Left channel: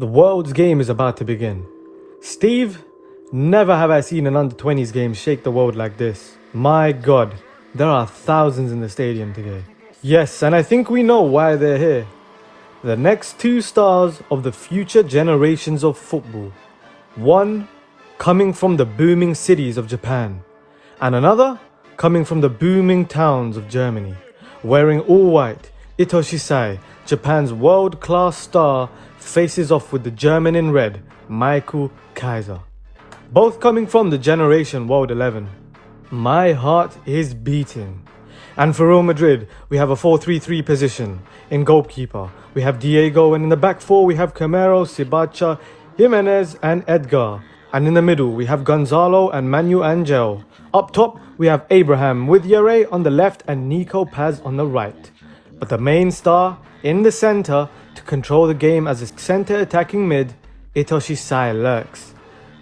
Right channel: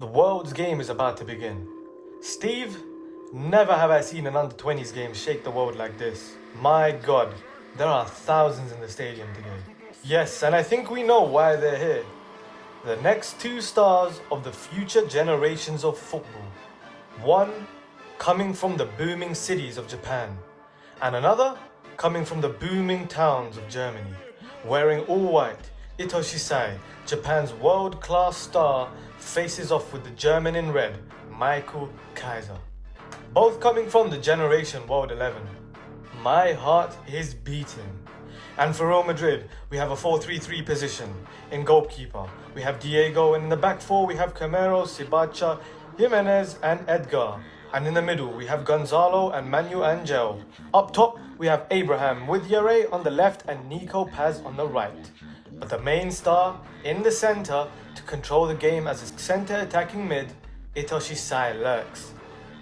The world's game is about to begin. Steve, never have I seen an under-20s game shake the world like this. My God, there are thousands in the stadium today. Yes, and I think we know why they're here. The next two stars of the future generations of football. One coming from the booming cities of Japan, and another coming from the booming towns of Germany. Wearing all white, ITOSHI SAE, Japan's world-class star, faces off with the German in red, KAISER. Both coming from the generation World 11. My heart is beating. And for Real Madrid, we have a 4-3-3 position. In goalkeeper, we have Diego, and in the back four we have Camero, Sibacha, Jimenez and Edgar. And in the middle we have Gonzalo and Manu Angel. Up top we have Abraham with Yere on the left and Nico Paz on the right. But the main star in the centre to control the game as a centre attacking mid, ITOSHI SAE lurks.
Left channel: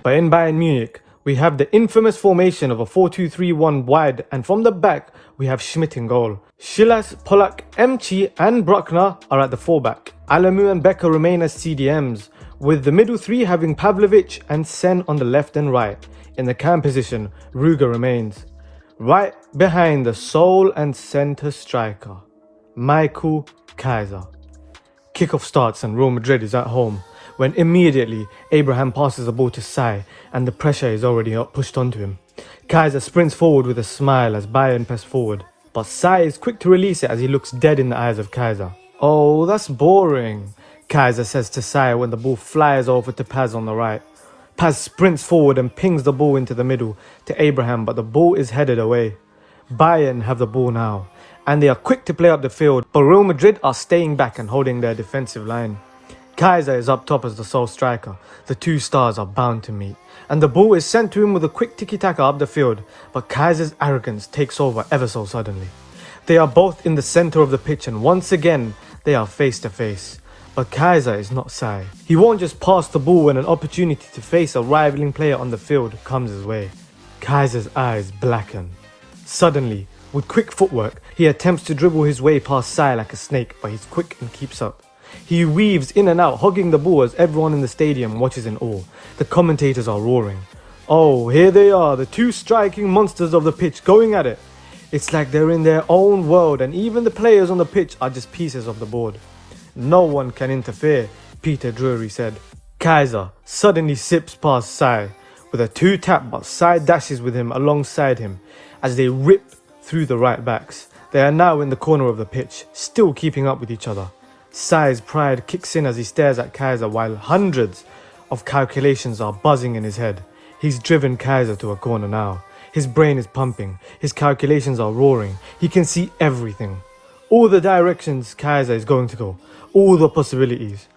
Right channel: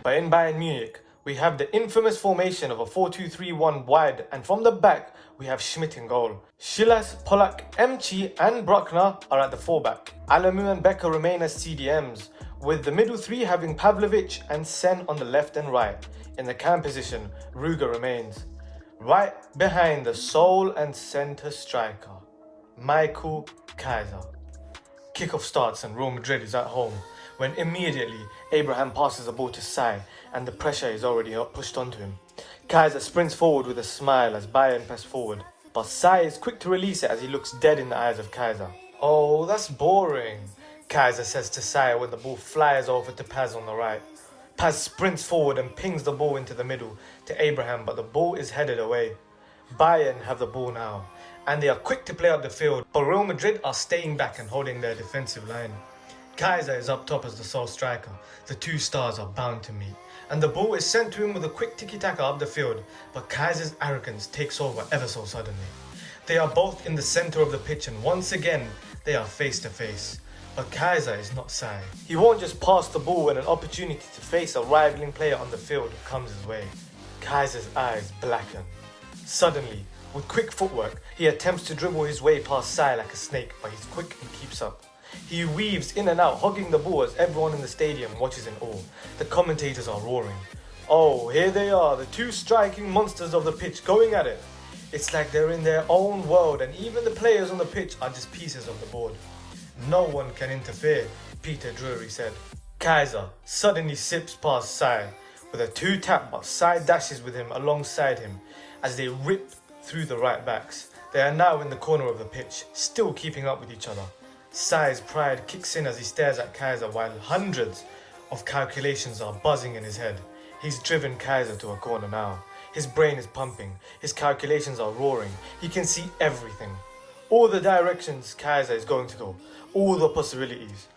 But in Bayern Munich we have the infamous formation of a 4-2-3-1 wide, and from the back we have Schmidt in goal. Silas, Polak, Emchi and Bruckner are at the fullback. Alamu and Becker remain as CDMs, with the middle three having Pavlovic and Sen on the left and right. In the cam position, Ruger remains. Right behind the sole and centre striker, KAISER. Kickoff starts and Real Madrid is at home, when immediately Abraham passes the ball to Sae and the pressure is already pushed onto him. KAISER sprints forward with a smile as Bayern press forward, but Sae is quick to release it as he looks dead in the eyes of KAISER. "Oh, that's boring," KAISER says to Sae when the ball flies over to Paz on the right. Paz sprints forward and pings the ball into the middle to Abraham, but the ball is headed away. Bayern have the ball now, and they are quick to play up the field, but Real Madrid are staying back and holding their defensive line. KAISER is up top as the sole striker. The two stars are bound to meet, and the ball is sent to him with a quick tiki-taka up the field, but KAISER's arrogance takes over ever so suddenly. They are both in the centre of the pitch, and once again they are face to face. But KAISER is not Sae. He won't just pass the ball when an opportunity to face a rivaling player on the field comes his way. KAISER's eyes blacken. Suddenly, with quick footwork, he attempts to dribble his way past Sae like a snake, but he's quick and keeps up. He weaves in and out, hogging the ball as everyone in the stadium watches in awe. The commentators are roaring. Oh, here they are, the two striking monsters of the pitch going at it. It's like they're in their own world, and even the players on the pitch are just pieces of the board. "No one can interfere," Peter Drury said. KAISER suddenly zips past Sae with a two-tap, but Sae dashes with him alongside him as they rip through the right backs. They are now in the corner of the pitch, still keeping up with each other. Sae's pride kicks in as he stares at KAISER while hundreds of calculations are buzzing in his head. He's driven KAISER to a corner now. His brain is pumping, his calculations are roaring, he can see everything. All the directions KAISER is going to go, all the possibilities.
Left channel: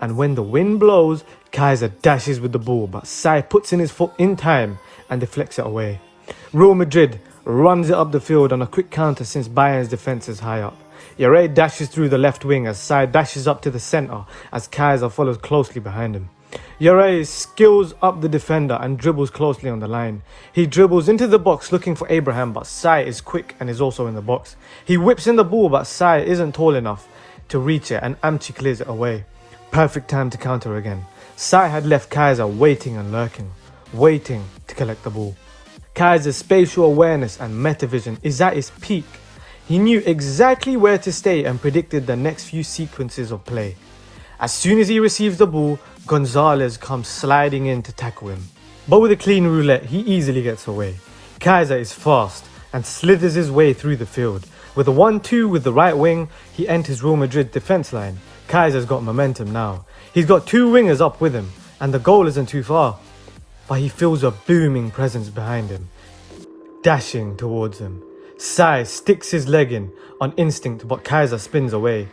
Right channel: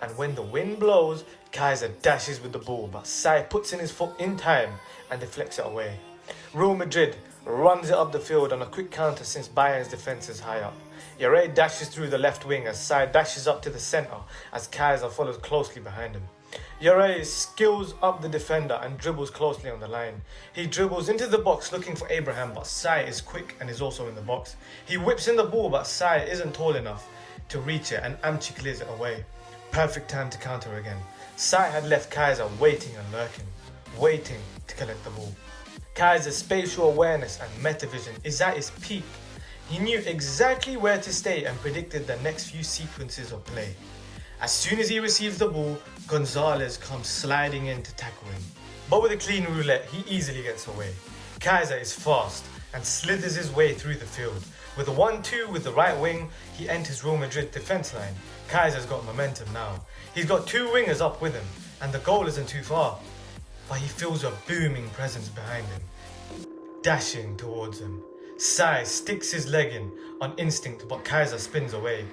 And when the wind blows, KAISER dashes with the ball, but Sae puts in his foot in time and deflects it away. Real Madrid runs it up the field on a quick counter since Bayern's defence is high up. Yere dashes through the left wing as Sae dashes up to the centre as KAISER follows closely behind him. Yere skills up the defender and dribbles closely on the line. He dribbles into the box looking for Abraham, but Sae is quick and is also in the box. He whips in the ball, but Sae isn't tall enough to reach it and Amchi clears it away. Perfect time to counter again. Sae had left KAISER waiting and lurking, waiting to collect the ball. KAISER's spatial awareness and metavision is at its peak. He knew exactly where to stay and predicted the next few sequences of play. As soon as he receives the ball, Gonzalez comes sliding in to tackle him. But with a clean roulette, he easily gets away. KAISER is fast and slithers his way through the field. With a 1-2 with the right wing, he enters Real Madrid defence line. KAISER's got momentum now. He's got two wingers up with him, and the goal isn't too far. But he feels a booming presence behind him, dashing towards him. Sae sticks his leg in on instinct, but KAISER spins away.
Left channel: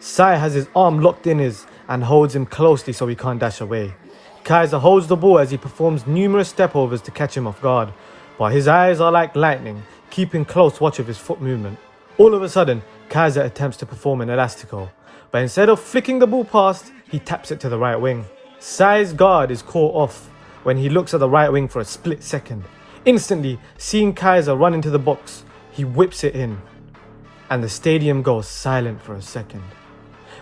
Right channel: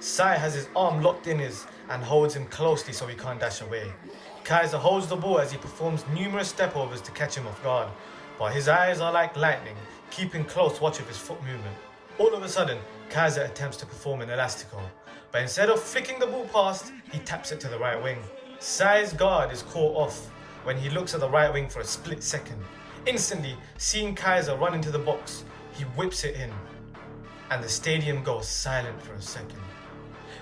Sae has his arm locked in his and holds him closely so he can't dash away. KAISER holds the ball as he performs numerous stepovers to catch him off guard, but his eyes are like lightning, keeping close watch of his foot movement. All of a sudden, KAISER attempts to perform an elastico, but instead of flicking the ball past, he taps it to the right wing. Sae's guard is caught off when he looks at the right wing for a split second. Instantly, seeing KAISER run into the box, he whips it in, and the stadium goes silent for a second.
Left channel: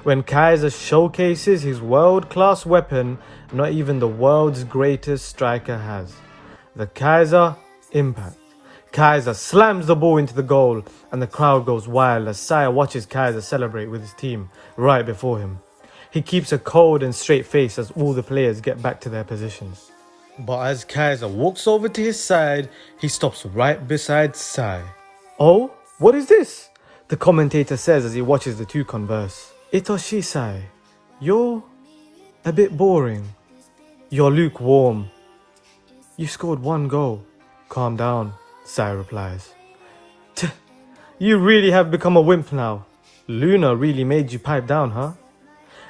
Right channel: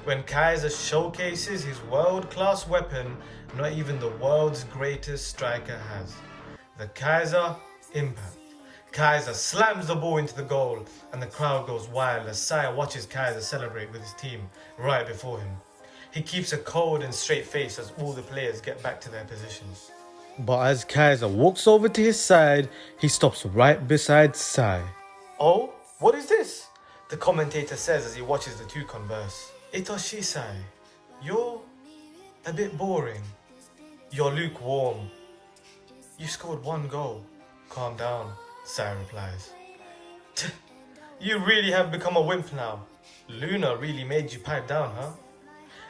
When Kaiser showcases his world-class weapon not even the world's greatest striker has. The Kaiser impact. Kaiser slams the ball into the goal and the crowd goes wild as Sae watches Kaiser celebrate with his team right before him. He keeps a cold and straight face as all the players get back to their positions. But as Kaiser walks over to his side, he stops right beside Sae. "Oh, what is this?" the commentator says as he watches the two converse. "ITOSHI Sae, you're a bit boring. You're lukewarm. You scored one goal." "Calm down," Sae replies. "You really have become a wimp now. Luna really made you pipe down, huh?"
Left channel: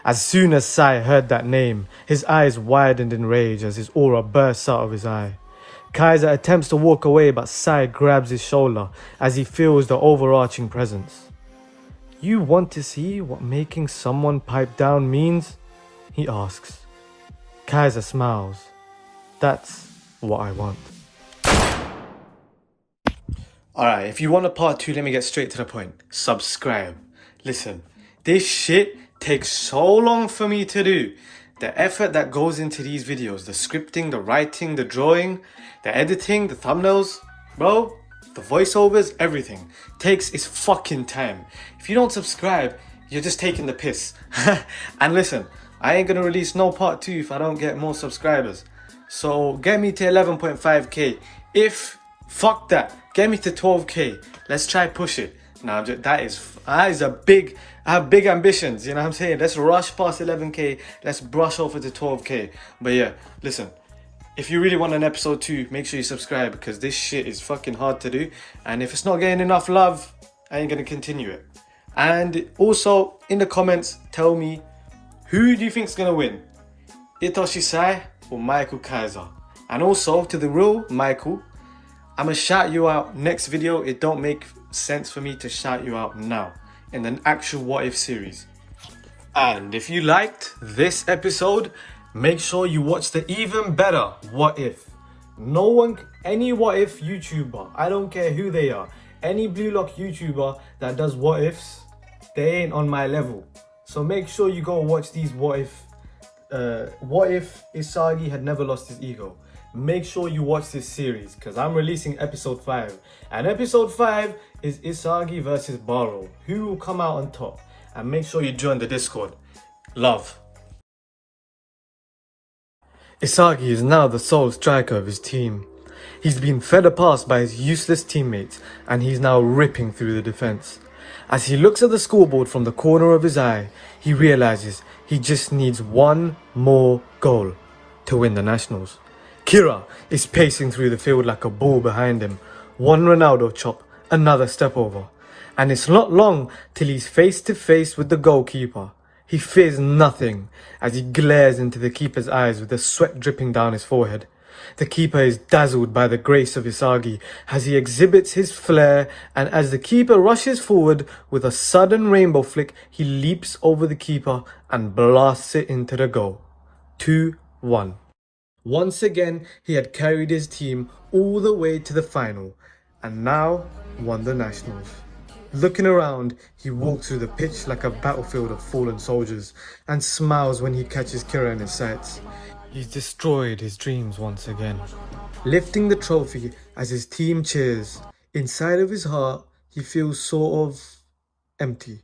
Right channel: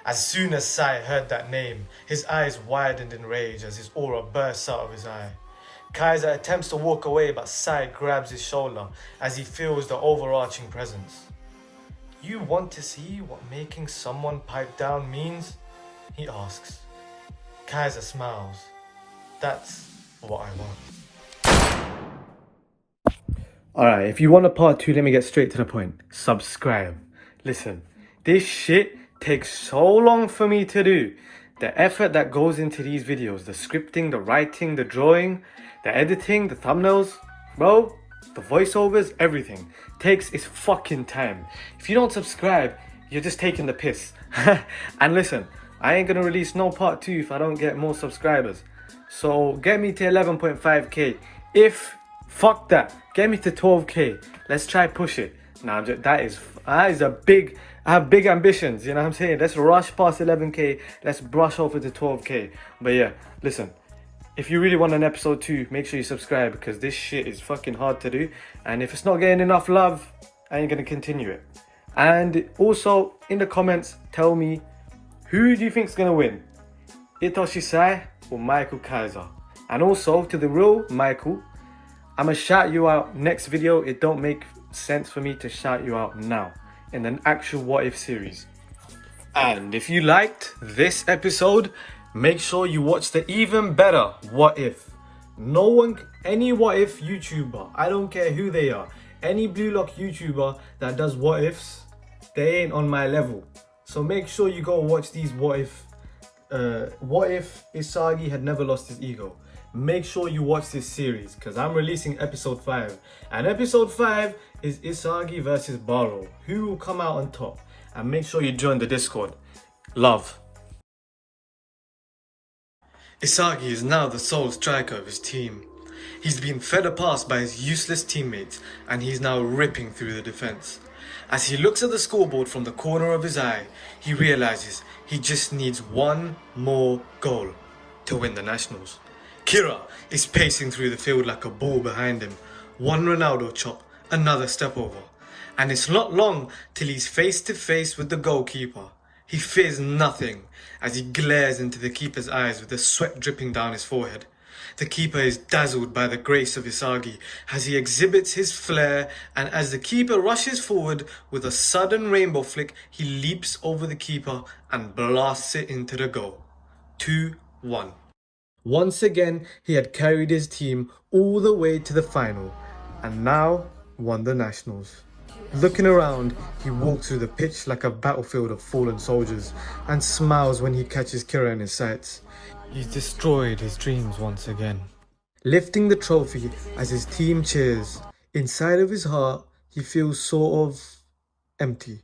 As soon as Sae heard that name, his eyes widened in rage as his aura bursts out of his eye. Kaiser attempts to walk away, but Sae grabs his shoulder as he feels the overarching presence. "You want to see what making someone pipe down means?" he asks. Kaiser smiles. "That's what I want." Alright, if you want a part 2, let me get straight to the point. Subscribe. Listen, this shit takes so long for me to do. The effort that goes into these videos, the scripting, the writing, the drawing, the editing, the thumbnails, bro, the voiceovers, everything takes its fucking time. If you don't subscribe, you're just taking the piss. And listen, I ain't gonna release no part 2 if I don't get more subscribers. So get me to 11.5k. Fuck that, get me to 12k. Let's try push it. Now that is a big, I have big ambitions, you know what I'm saying? Let's rush past 11k, let's brush over to 12k. But yeah, listen, if you really want an episode 2, make sure you subscribe because this shit is fucking hard to do. And if it's not getting enough love, I ain't gonna continue it. And also, in the comments, tell me, who do you think's gonna win? ITOSHI SAE or Michael Kaiser? And also, to the real Michael, I'ma shout you out next video. It don't make sense for me to shout you out now in an actual What If series. And if you liked this episode, make sure you watch the even better What If. Any What If YouTuber, I don't care who they are, any Blue Lock YouTuber that does What Ifs, they ain't on my level. So make sure you go watch these What If Isagi had never lost his ego. Make sure you watch this series because I'm releasing episode 5. And episode 5 is Isagi versus Baro. Who will come out on top? And make sure you join the Discord. Love. Isagi is now the sole striker of his team. He's been fed a pass by his useless teammates and he's now ripping through the defense. As he looks at the scoreboard from the corner of his eye, he realizes he just needs one more goal to win the Nationals. Kira is pacing through the field like a bull behind him. One Ronaldo chop, another step over. And it's not long till he's face to face with the goalkeeper. He fears nothing as he glares into the keeper's eyes with the sweat dripping down his forehead. The keeper is dazzled by the grace of Isagi as he exhibits his flair, and as the keeper rushes forward with a sudden rainbow flick, he leaps over the keeper and blasts it into the goal. 2-1. Once again, he had carried his team all the way to the final and now won the Nationals. Looking around, he walks through the pitch like a battlefield of fallen soldiers and smiles when he catches Kira in his sights. He's destroyed his dreams once again. Lifting the trophy as his team cheers, inside of his heart, he feels sort of empty.